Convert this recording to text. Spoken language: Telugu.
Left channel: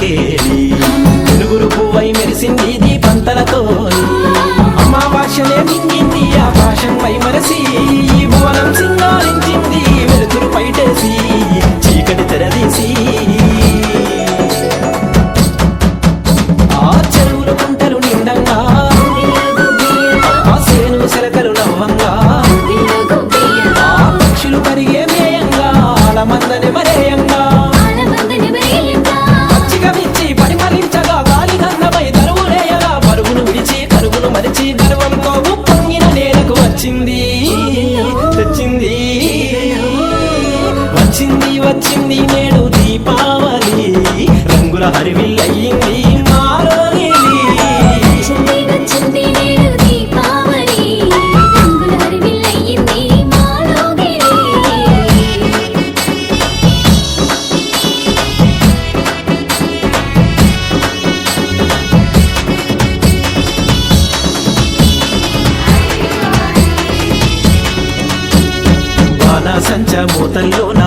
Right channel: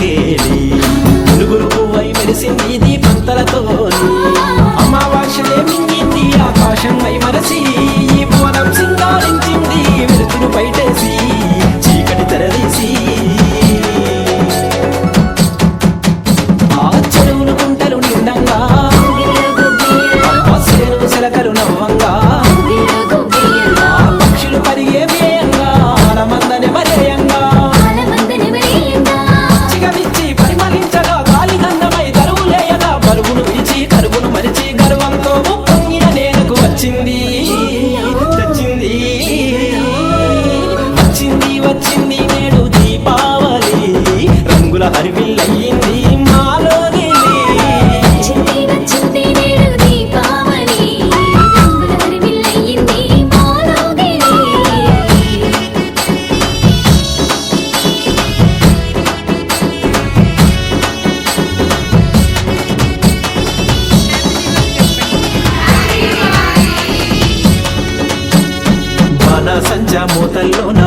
పందిరకేలి వెలుగురు పువ్వై మెరిసింది దీపంతలతోని అమావాస్యలే మింగింది ఆకాశం వై మరసి ఈ భువనం సింగారించింది వెలుతురు పైటేసి చీకటి తెరదీసి ఆ చెరువులు గుంటలు నిండంగా సేను సెలకలు నవ్వంగా పక్షులు పరిగే మేయంగా ఆలమందనే మరేయంగా చిగమిచ్చి పరిమళించగా గాలి గంధమై దరువులేయగా పరుగును విడిచి కరుగును మరిచి గర్వంతో పొంగిన నేలకు వచ్చింది తెచ్చింది వచ్చింది వచ్చింది నేడు దీపావళి రంగుల హరివిల్లయింది మాలో సంచ మూతల్లో నా